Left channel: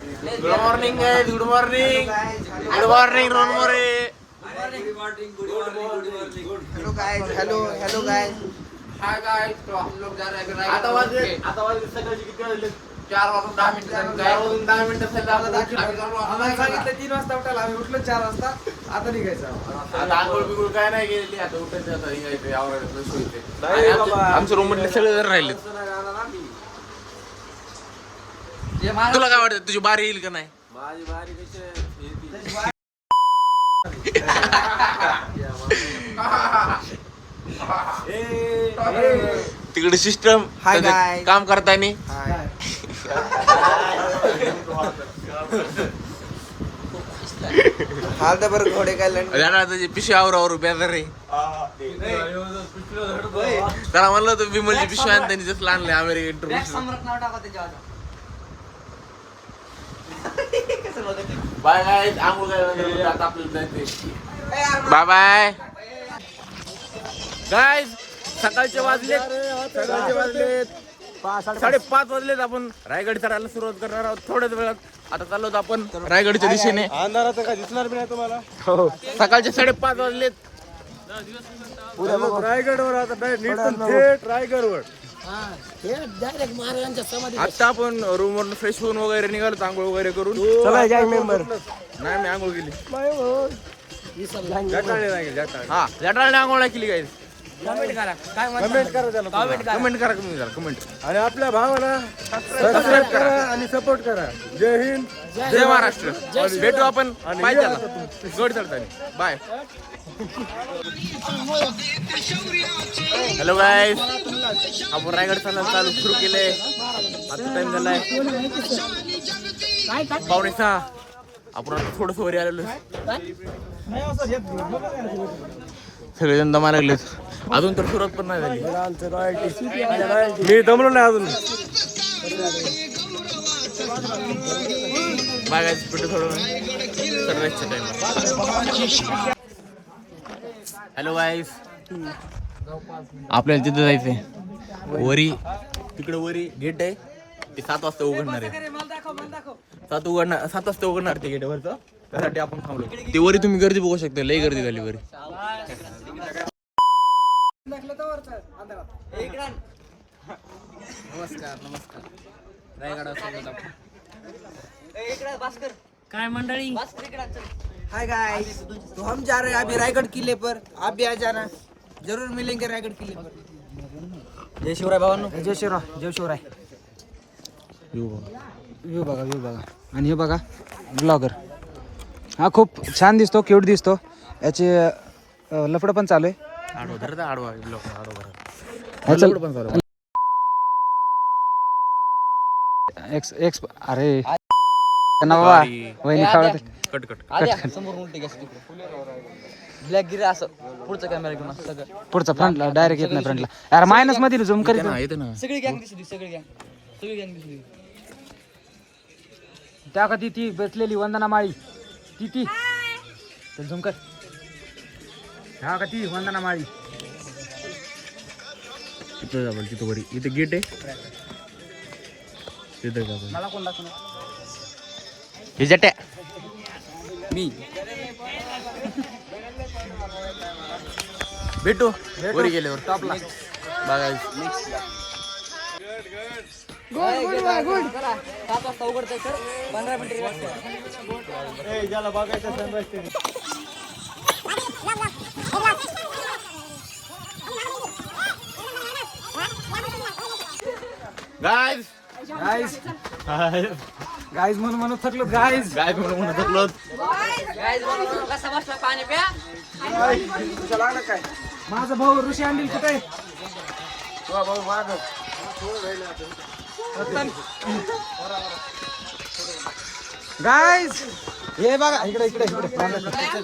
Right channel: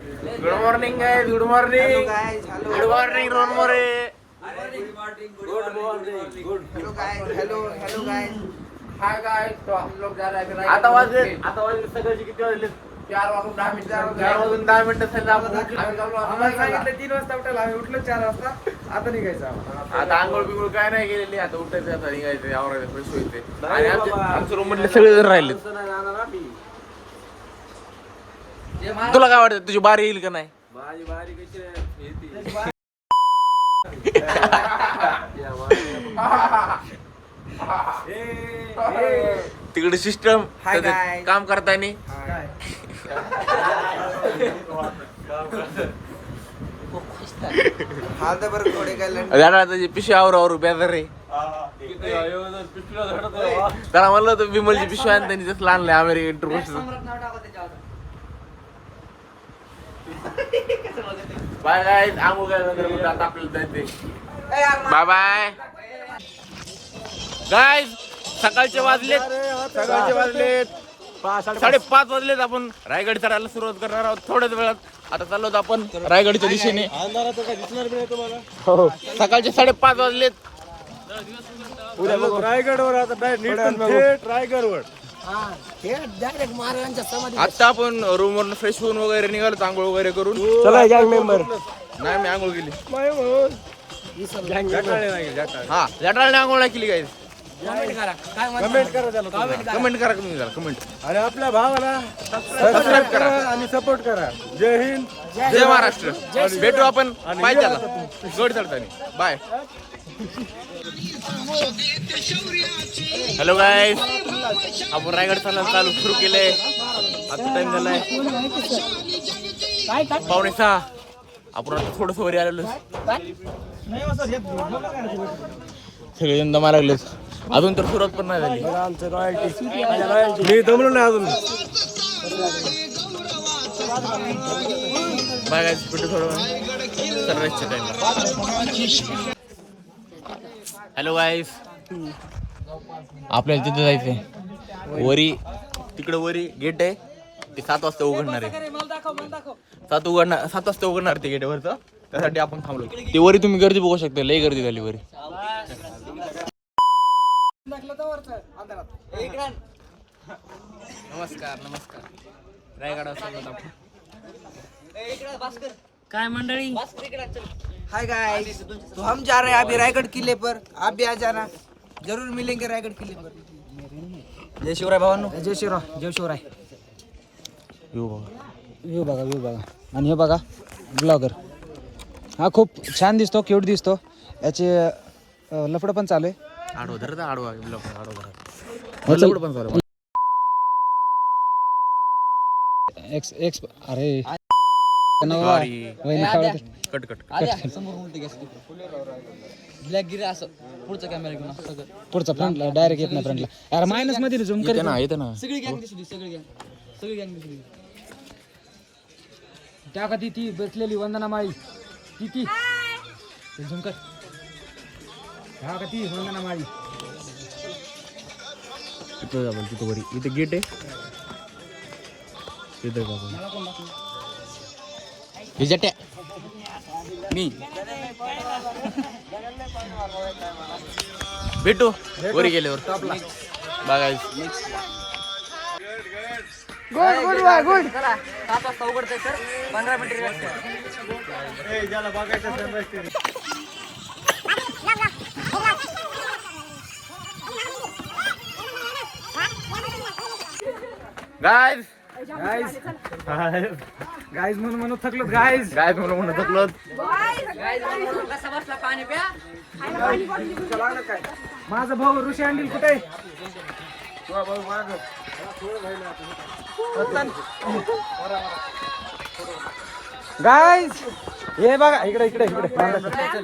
Good morning guys, good morning, good morning Rohan More. Hello guys, hello guys. Hi guys, तो हम लोग जा रहे हैं. आता वाजले सकाळचे किती वाजले? 4 वाजून 10 मिनिटं. 4 वाजून 10 मिनिटं झाले. आपण आम्हाला सांगितलं 3 वाजता उठायला, आम्ही उठलो 4 वाजता. आता निघायचं आम्हाला. आता आंघोळ बिंघोळ काय नाही केलेली. आता उठायचं, आता निघायचं, आवरायचं, फ्रेश व्हायचं. आणि आमच्या रूम मधले सगळे जण राहिले. तुला काय वाटतं, तुझी बारी येईल का नाही? माझी बारी कशी तिकडे सिस्टम काम करताना बरं घोडे काय पिशवी आवर बेजार रे. त्याला म्हणलं होतं विमलची पिशवी आणि त्यांनी जसं आणलंय अमेरिकन. बाय गाईज, आंघोळ केल्यानंतर आता आपल्याला जायचंय. Bye bye guys. सकाळचे वाजलेत 5:30 वाजलेत. आपण रायगड चढायला सुरुवात करणार आहोत थोड्याच वेळात. आता चाललो होतो आपण रायगडच्या दिशेने. अंधारात काय दिसणार नाही तुम्हाला. हो, सकाळचे 5:30 वाजलेत. उद्या बघू रायगडवर आता थेट रायगडवर. आता आपण रूम वरून फ्रेश होऊन वगैरे निघालो, आंघोळ वगैरे करून. मेंबर नाही, मी आंघोळ केली. हा, जटाळने आंघोळ नाही केली गाईज. कमेंट करा त्याला, कमेंट करा तुम्ही जरा, कमेंट. आणि आपल्या भावाला सबस्क्राईब करा आणि सपोर्ट करा. जय हिंद, जय महाराष्ट्र. भेटू आपण पाहिजे गड चढताना. बाय. हॅलो गाईज, आपण रायगड चालू सुरू केलंय. आता टाइम झालाय 5:45. आपण आता थोडस वरी आलेलो. सगळेजण दमा लागलेत. अजून तर सुरुवात पण नाही झाली. मी दमलो नाही अजून. बाय गाईज, भेटू थोडं सनराईजच्या टाइमला. हॅलो गाईज, आपल्याला तिथं जायचंय वरी. तिकडे वरी गेट आहे, ते 7 वाजता उघडणार आहे. 7 वाजता उघडणार ते गेट वरचं. त्यासाठी आपण थांबलो. ती वरी तुम्ही गर्दी बघू शकता, लई गर्दी झाली वरी. नमस्कार रायगडावर चाललो आपण. काय मंडळी, हाय गाइस, तो हम जा रहे हैं अभी रायगढ़ किले पर. आप भी आ जाना, जरूर मिलेंगे रायगढ़ किले पर. जय शिवराय भावांनो. जय शिवराय. व्ह्यू बघा. आणि हे बघा ब्लॉगर. हा खूप छान दिसतो, क्यूट दिसतो. याचे लफडं पण चालू आहे. आडवा धरता, आडवा ब्लॉक आडवा भरा. पण चालू एक्स अरे बाबा वहिनी कट ब्लॅक गिर असं पुढचा कॅमेरा घेऊन सगळं पुढचा फ्रंटला डायरेक्ट येत नाही फ्रंटला. अरे मायनस मध्ये झूम करीत ना. येते ना. सगळी गँग दिसली, सगळी गँग दिसली. त्या का ती बसलेली वंदना माळी ती झूम कर. हा का ती वंदना माळी. तिथं वरी, इथे गेट आहे. तिथे मला कोण दाखवणार? हे जट्या मी भेटू वरी गेल्यावर टॉपला. बघायचं गुड. 7 वाजता उघडतंय सर, 15 मिनिटं गाइस म्हणून थकलो. गाइस म्हणून थकलो. पाणी प्या. माझा भाऊ ऋषी अंडील कुठे? गाइस हे बघा, इकडे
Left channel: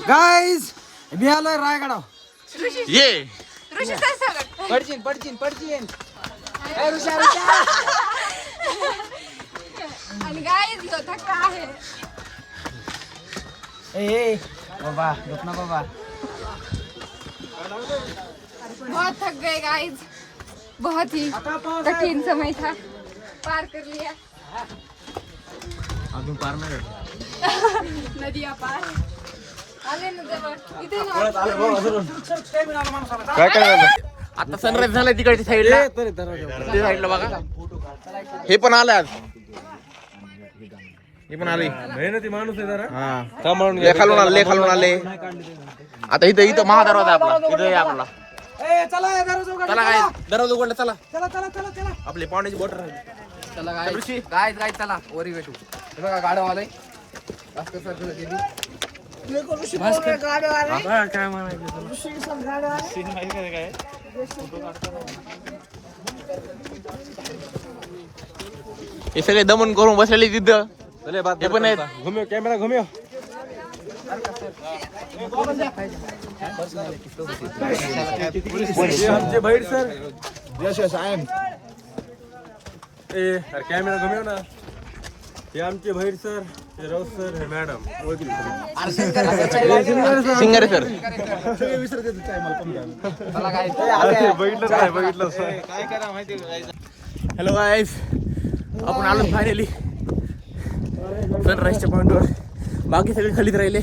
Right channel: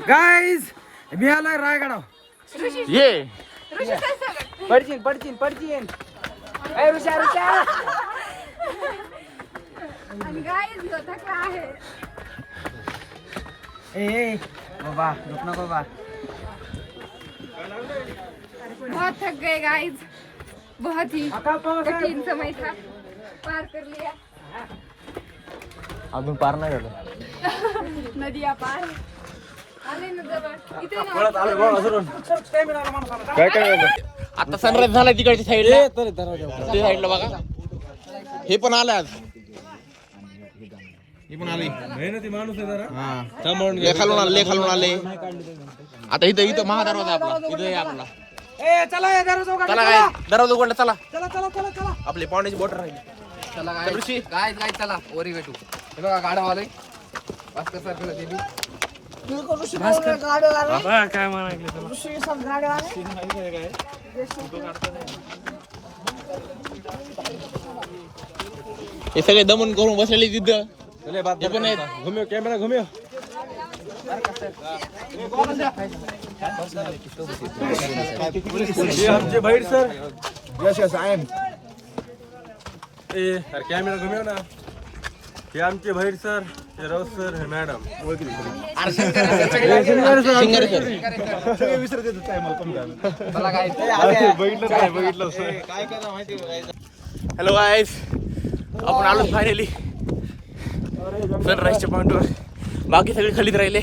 गाइस, मी आलोय रायगडावर. ये पडचीन. आणि गाईज थकला आहे. ए बाबा, रुक ना बाबा. बहुत थक गए गाइज, बहुत ही कठिन समय था, पार कर लिया. अजून पार नाही झालं. नदी पार आले ना जवळ. इथे ना आता सनराईज झाला तिकडच्या साईडला, ते साईडला बघा. हे पण आलं आज, हे पण आले. मेहनती माणूस आहे जरा. लय खालून आले, लय खालून आले. आता इथं महादरवाजा आहे आपला, इथं आहे आपला. चला काय दरवाजा उघडला. चला आपले पाण्याची बॉटल राहिली. चला काय चला वरी भेटू. हे बघा गाडा आलंय मस्त सर्कल केली. काय म्हणायचं हे सगळे दमन करून बसलेले तिथं. हे पण आहेत. घुमियो कॅमेरा घुमियो. हे आमचे Bhair sir. Yes I am. अरे कॅमेरा घुमियो ना. हे आमचे भैर सर, हे राऊत सर, हे मॅडम. Singer sir. बघितलं हॅलो गाईज, आपण आलो फायनली सनराईजच्या पॉईंटवर. बाकी सगळे खालीच राहिले.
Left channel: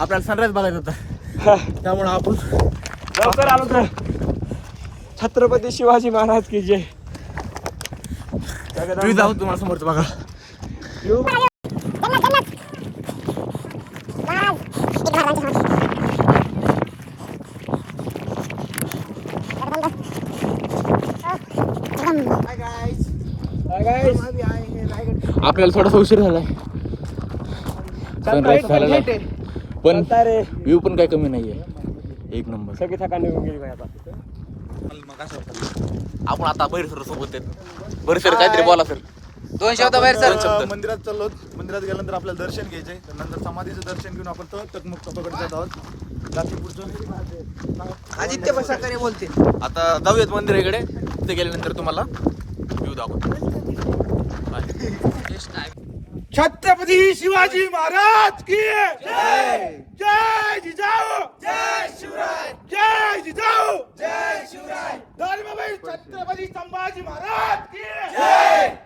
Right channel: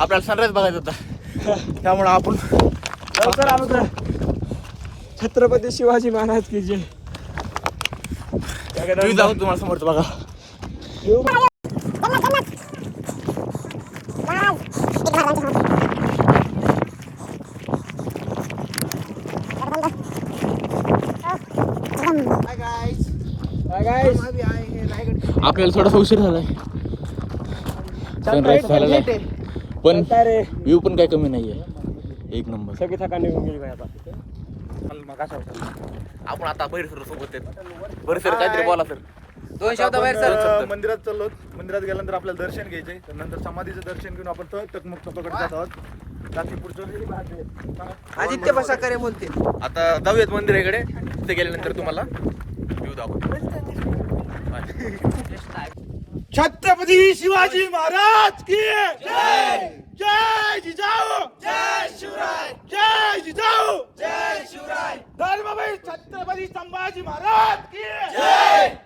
आपल्याला सनराईज बघायचा होता, त्यामुळे आपण छत्रपती शिवाजी महाराज की जय. व्ह्यू जाऊ तुम्हाला समोरचं बघा. आपल्याला थोडासा उशीर झालाय, सनराईज झालेला आहे, पण व्ह्यू पण काही कमी नाहीये. एक नंबर. सगळी थकान निघून गेली काय आता. आपण आता बैर सर सोबत आहेत. बैर सर काहीतरी बोला सर. दोन शब्द बाहेर सर. मंदिरात चाललो. मंदिरात गेल्यानंतर आपल्याला दर्शन घ्यायचे. तर नंतर समाधीचं दर्शन घेऊन आपण टकमुक टोकाकडे जात आहोत. जाती पुढचं आदित्य पसरकरे बोलते. आता जाऊयात मंदिराकडे. तिथे गेल्यानंतर तुम्हाला व्ह्यू दाखवतो. छत्रपती शिवाजी महाराज की जय. जय जिजाऊ. जय शिवराय. जय जिजाऊ. जय शिवराय. धर्मवीर छत्रपती संभाजी महाराज की जय.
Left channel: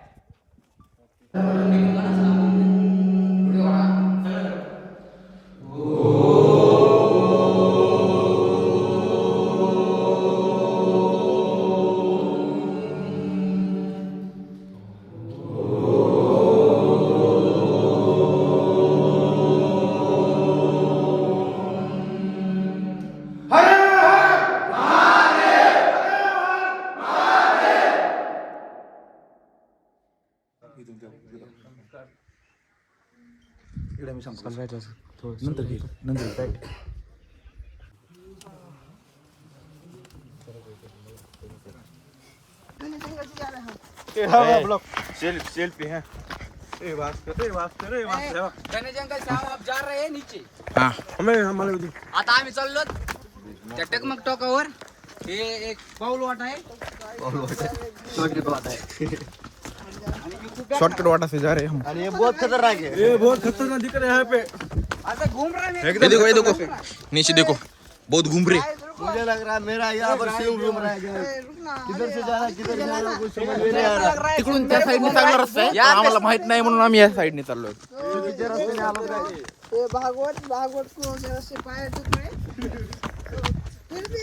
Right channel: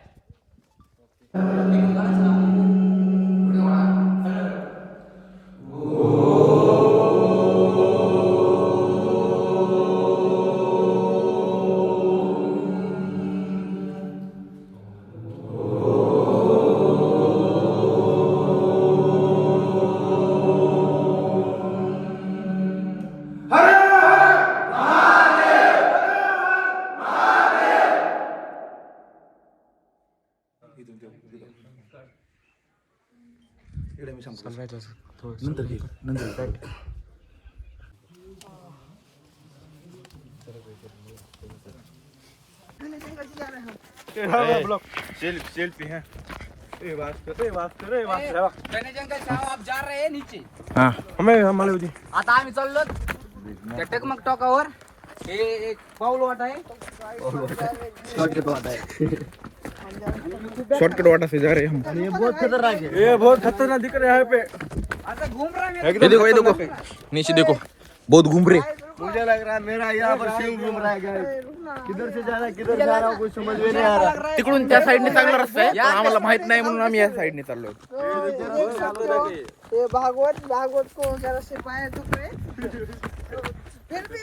गणेश अंकल साहब आप जा रहे हैं नीचे. मला आता आम्ही चाललो त्या टकमक टोकावर. हे एक पाऊल वाट आहे. शॉर्टकट वाटा से जा रहे हम. आणि हे बहुत खतरनाक आहे. ये बहुत खतरनाक दिख रहा है यहाँ पे. आता घूम रहा है. ये देखो नीचे देखो, बहुत घूम रहे. मुझे लग रहा है मेरा यहाँ पर शिव घूम रहा है. किधर से जा रहा है किधर जा रहा है कुछ समझ में नहीं आ रहा. तिकडून त्या साईडने चांगला रस्ता आहे, पण आम्हाला माहित नाही म्हणून आम्ही या साईडने चाललोय. ये भागवत को जरा से पाए दुख रहे फिर भी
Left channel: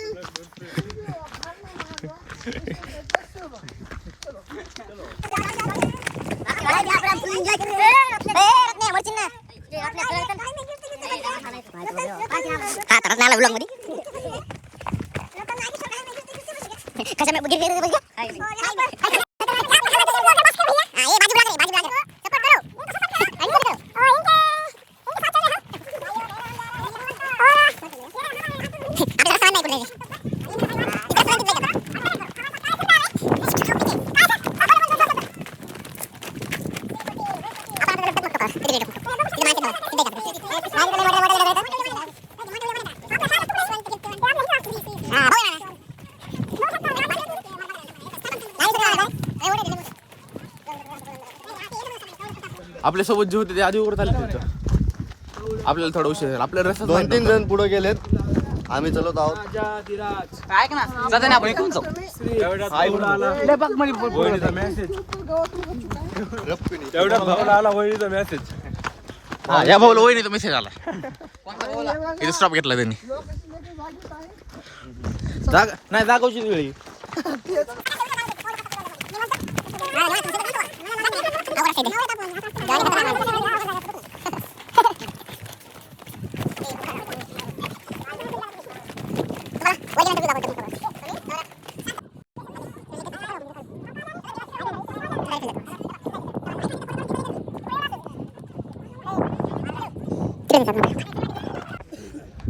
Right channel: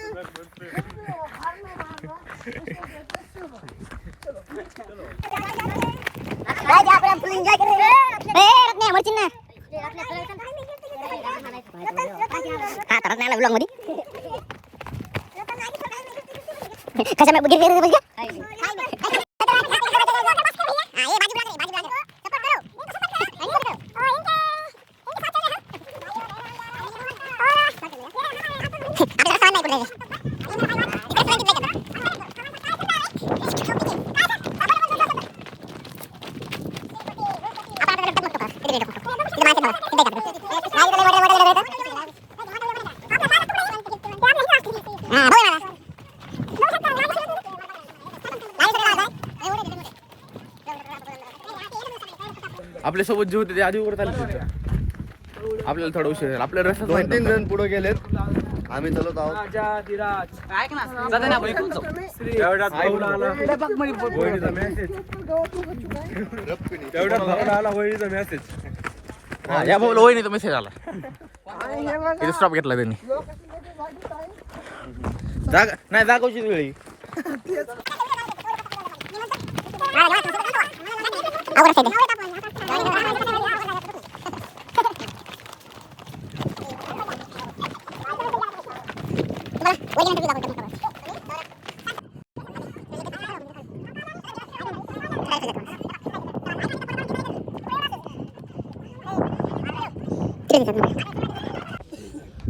आपल्या सोबत जे होते ते आधी उरत आले तिथं. आपल्याला थोडा उशीर झाला. आपल्याला रस्ताच माहित 2-3 नव्हता. जण पुढे गेलेत. आम्ही चलत आहोत. ऐक ना जाताना आपण इकडून जाऊ. एवढ्यात भाऊला आला वहिनीचा मेसेज. एवढ्यात भाऊला आला वहिनीचा मेसेज. या भाऊला वहिनीचा मेसेज आला. इथे स्टॉप घेतला त्यांनी. नाही जागोची वेळी.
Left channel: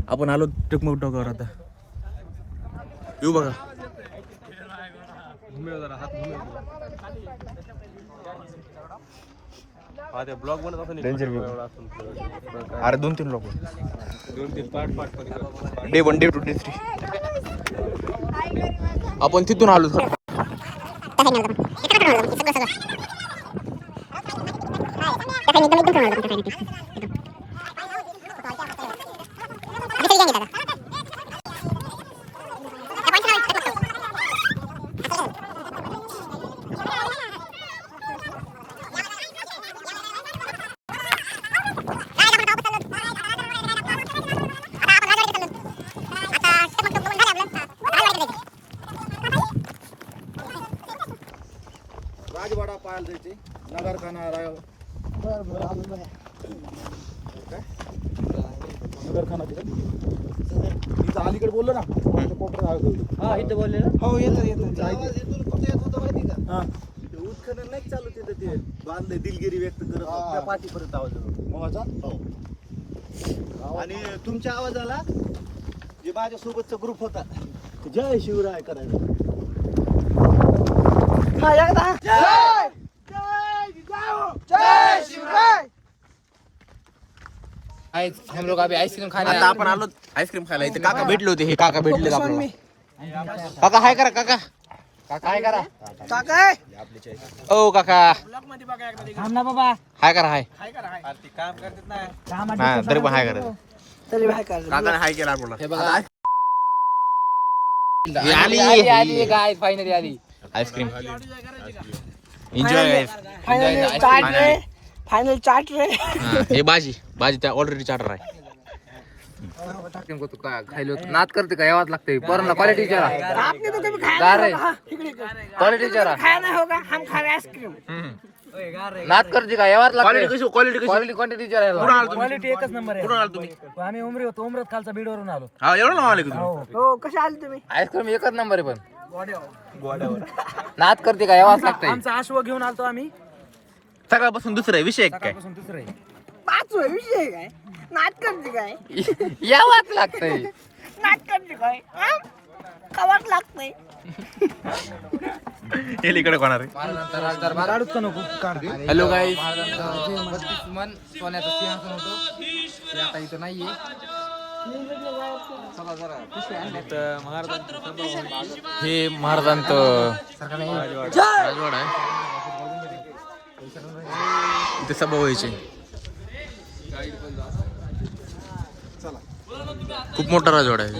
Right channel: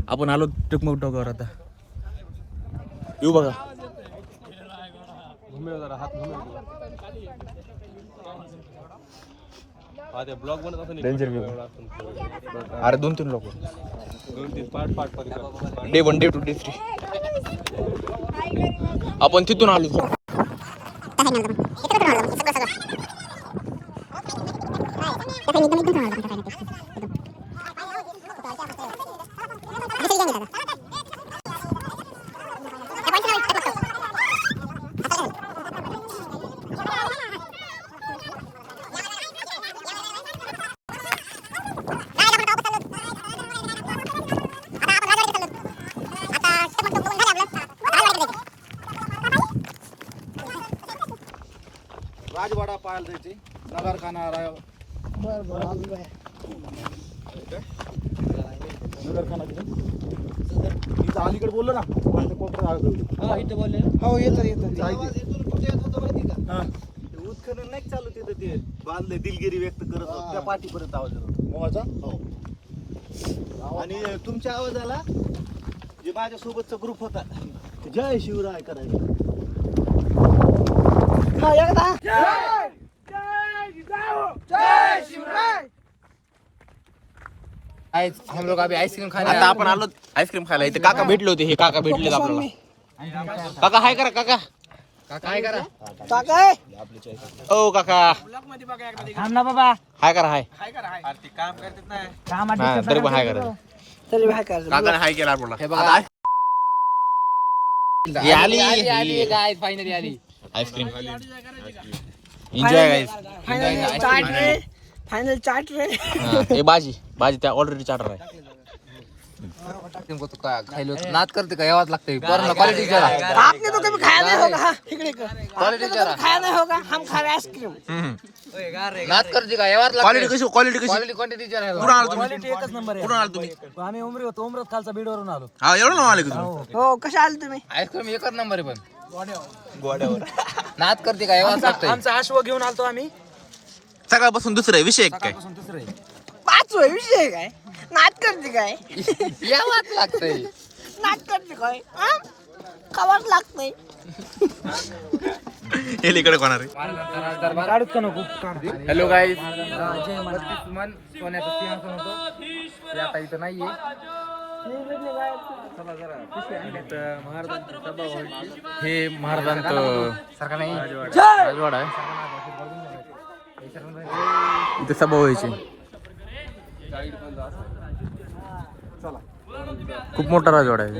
आपण आलो टकमक टोकावर आता. येऊ बघा. हा ते ब्लॉग बनत असं अरे 2-3 लोक 2-3 पार्ट मध्ये कर. Day 1 day 2 day 3. आपण तिथून आलो. राजवाडा पाहायला जायचे. नगरखाना नगरखाना तिथे इथं अलीकडे बोललो ना. इथं बोलले ना. हो येतो उत्खनन नाही चालू तिथं. ते बांधले दिलगिरी व्यक्त करत होते. त्या पाठीपर्यंत आवाज होता. आणि तुमच्या आवाजाला जे माझ्या सोबतचा ग्रुप होता ते जय शिवराय करायला. हम लोग अभी आइसक्रीम खाने आता आपण आलो आईस्क्रीम खायला. इथे काका भेटले होते. हे काका भेटले आपल्याला. काका हाय करा. काका काय करा ओ काका थांब ना बाबा. हाय करा. हाय काम करतात ना. नाही, तरी पण हाय करा. काकाने हाय केला आपल्याला. हे बघा ही आली गाय फायनली आली. आईस्क्रीम. एन्जॉय गाईस. फायनल चाट रे. हे भाजी त्या ऑलरेडी चार्टर आहे. खायलो नाद करते का यावाच लागते. पोरांना क्वालिटी विचारा. आपने तो कभी खाया नहीं होगा. हाँ, इकडे कर. आपने तो कभी खाया नहीं होगा. हम खा रहे आइसक्रीम. नाद करते का यावाच क्वालिटी लागते. कशी क्वालिटी कशी क्वालिटी विचारा. कुठून आलो तुम्ही? क्वालिटी एकच नंबर आहे. कुठून आलो तुम्ही? आम्ही उमरी होतो. उमरत खालचा बीडवरून आलो. हा एवढं नाव आले का तुम्ही? हो कशा आले तुम्ही? आईस्क्रीम एकच नंबर आहे. पण नाद करते का यावाच लागते. आमचा आश्व घेऊन आलतो आम्ही. सकाळपासून दुसरं आहे विषय काय? दुसरं 5 विषय काय नाट करते काय यावाच लागते. नाट करते काय खावाच लागतंय. हे इकडे कोणार आहे? काढूत का नको? Hello guys. 32 मन सोन्याचं सिंहासन होतं ते आता इथं नाहीये. हे महाराजांचं राजवाडा आहे. इथे सभा व्हायची. खूप मोठा राजवाडा आहे.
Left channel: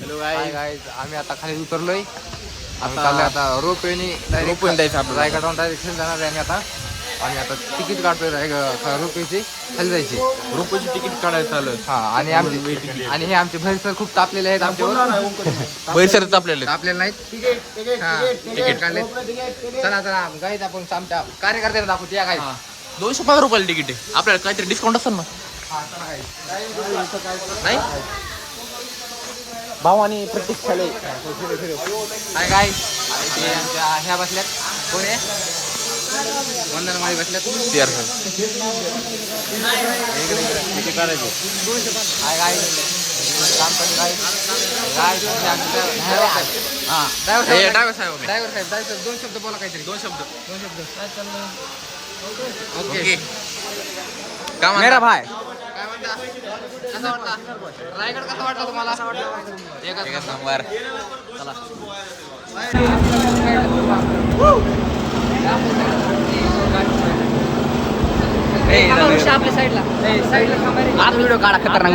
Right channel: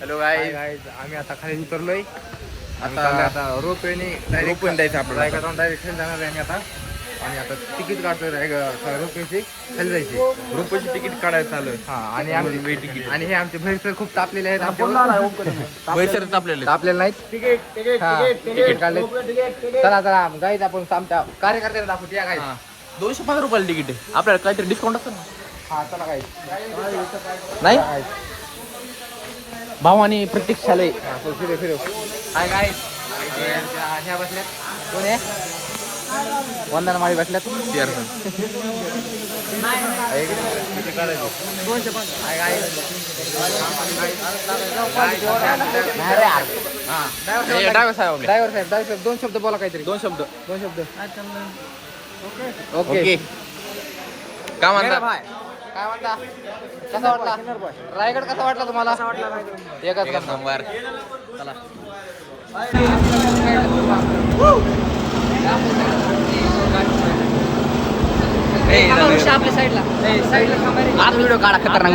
Hello guys. आम्ही आता खाली उतरलोय. आता रोपवेने रोपून द्यायचं आपल्याला. डायरेक्ट खाली जाणार आहे. आता आम्ही आता तिकीट काढतोय रोपवेची खाली जायची. रोपची तिकीट काढायचं चालू आहे. हा आणि आणि हे आमचे भैर सर खूप तापलेले आहेत. बैरसरच आपल्याला तापलेले नाहीत. तिकीट काढले. चला गाईत आपण आमच्या कार्यकर्त्यांना दाखवतो. या गाईत 205 रुपयाला तिकीट आहे. आपल्याला काहीतरी डिस्काउंट असेल ना? हा चला गाईत. नाही भाऊ आणि प्रतीक्षा लय काय काय ह्या बसल्यात. कोण आहे? वंदना माळी बसल्यात. CR sir. हा डाव्या साहेब. ड्रायव्हर 2 शब्द बोला काहीतरी. 2 शब्द. ओके. काय म्हणता? काय म्हणता कसा वाटला रायगड कसा वाटला तुम्हाला एकच नंबर. चला आपल्या साईडला आज व्हिडिओ काढा खतरनाक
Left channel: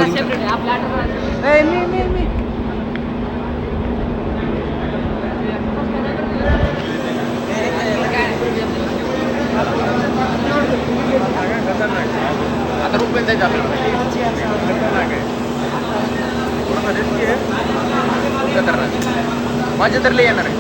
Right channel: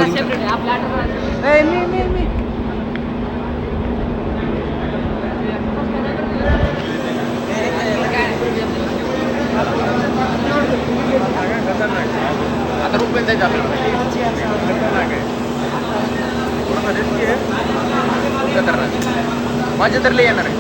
आता रुपये जायचं खतरनाक. माझे तर लय येणार आहे.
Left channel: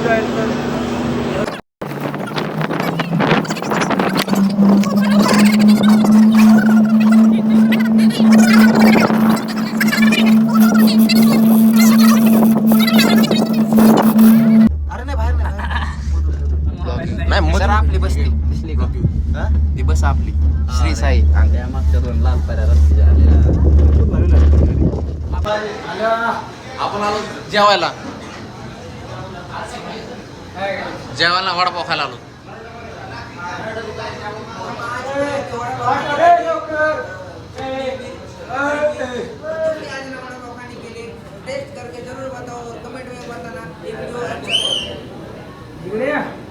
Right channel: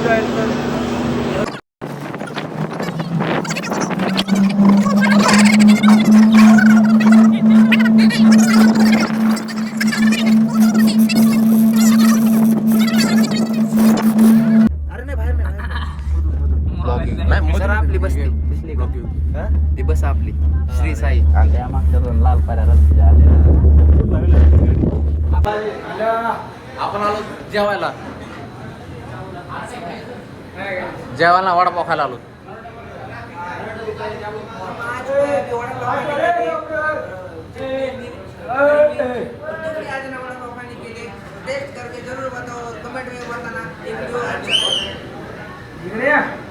नाही आपली बस दिसली का ती बस आपली श्री साई मागच्या दोन लाल पाऱ्या आपण आलो जेवायला. जेवायला वडापाव खायला आलो. टेस्ट करके जरूर बताओ, कमेंट में बताना ये वीडियो अच्छा